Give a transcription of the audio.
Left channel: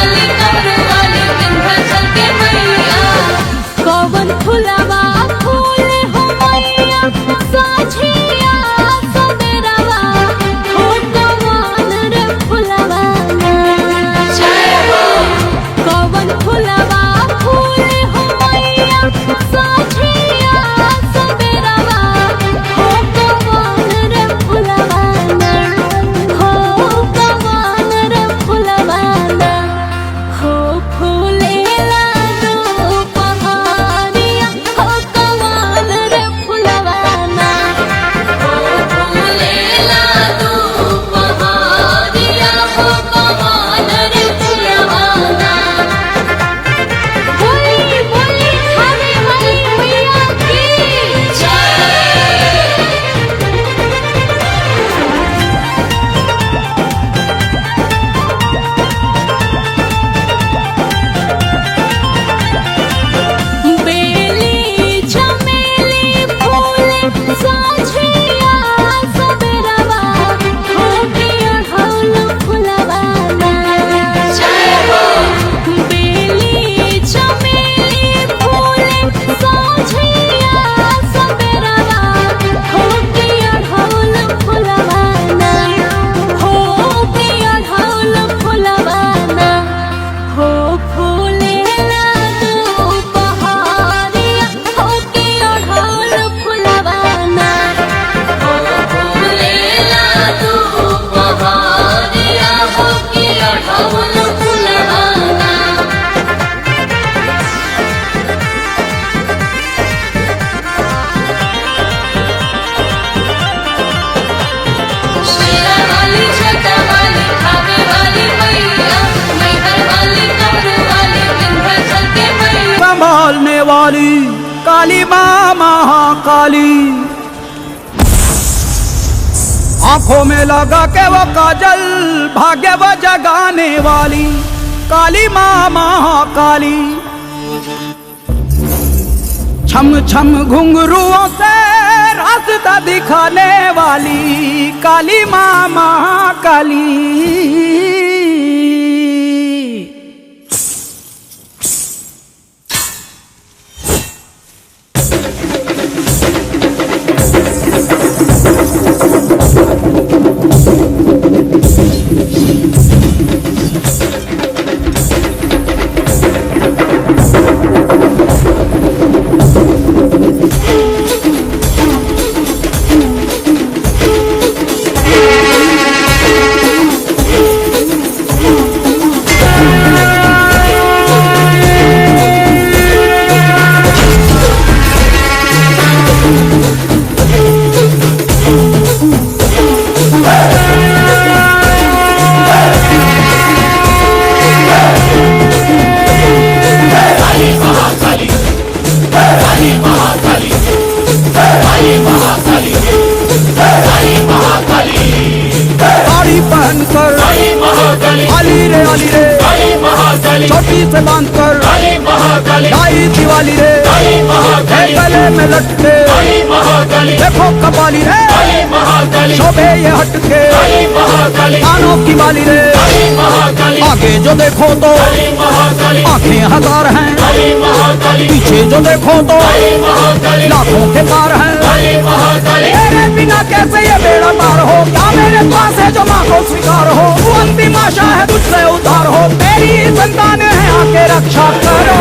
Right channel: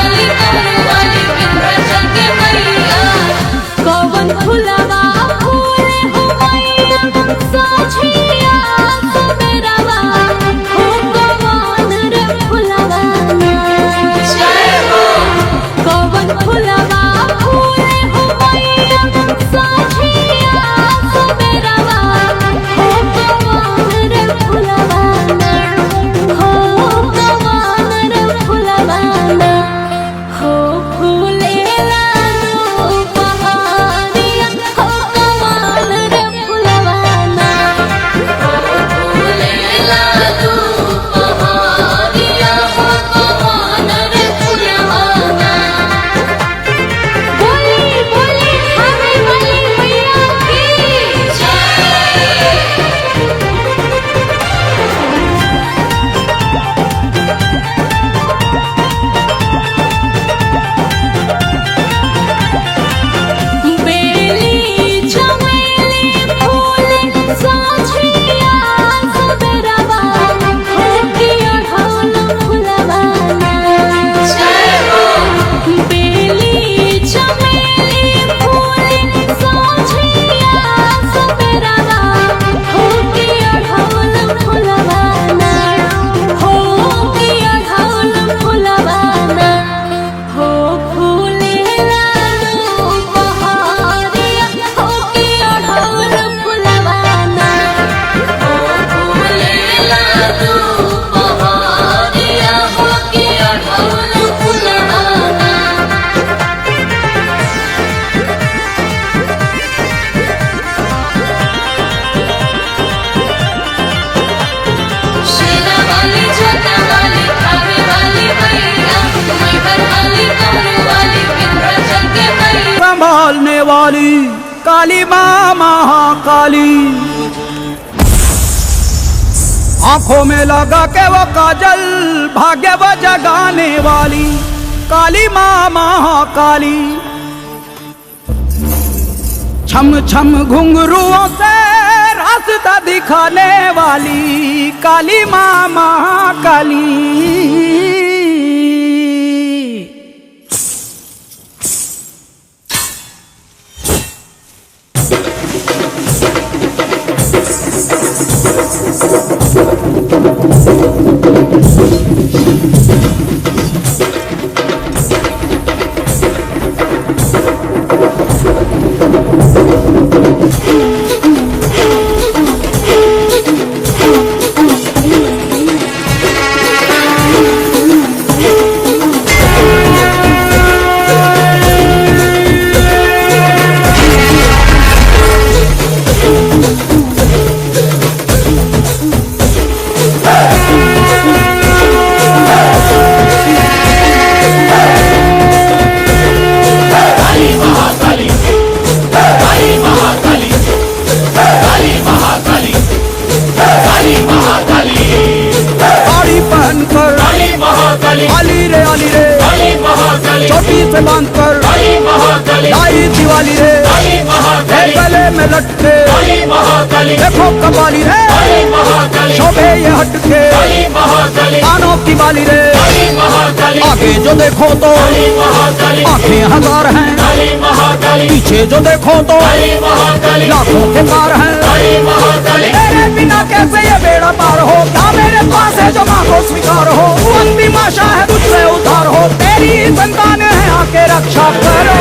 वाली कमरू वाली विंध्याचल के मैया। कौवन फुलवा फूले हो मैया साझिया सबेरवा हो कौवन रे फुलवा ना। कौवन फुलवा फूले हो मैया साझिया सबेरवा हो कौवन रे फुलवा ना। हो कौवन रे फुलवा ना। हो फूलेला दोपहरिया हो कौवन रे फुलवा ना। हो फूलेला दोपहरिया हो कौवन रे फुलवा ना। बोली बोली खावे वाली मैया की जय। बेली चमेली फूले साझिया सबेरवा हो के अढ़ौल फुलवा ना। बेली चमेली फूले साझिया सबेरवा हो के अढ़ौल फुलवा ना। हो के अढ़ौल फुलवा ना। हो फूलेला दोपहरिया हो के अढ़ौल फुलवा ना। हो फूलेला दोपहरिया हो के अढ़ौल फुलवा ना। शेरा वाली छटा वाली खावे वाली मैया मैहर वाली कमरू वाली विंध्याचल के मैया। संभालने वाली काली माँ महाकाली, आंखों में लगा के वो काजल भाग्य वो जगाने वाली काली माँ महाकाली। छम छम घुंघरुओं से रास्ता दिखाने वाली काली माँ महाकाली। साड़ी पहनकर अली रे छोटी से बांधकर लाई दिवाली रे है गले में लटके देखो कबाली रे शोभे ये हटके कानों की बाली रे। आगे जो देखो तो आंखें हजार हैं, पीछे जो देखो तो लाखों के पार हैं। तेरे बिना कैसे ये बेड़ा पार हो, क्या मेरे पास है जो माँ को स्वीकार हो। तू अंतिम आशा है तुझसे उद्धार हो, तेरी संतान है आके रक्षा करो।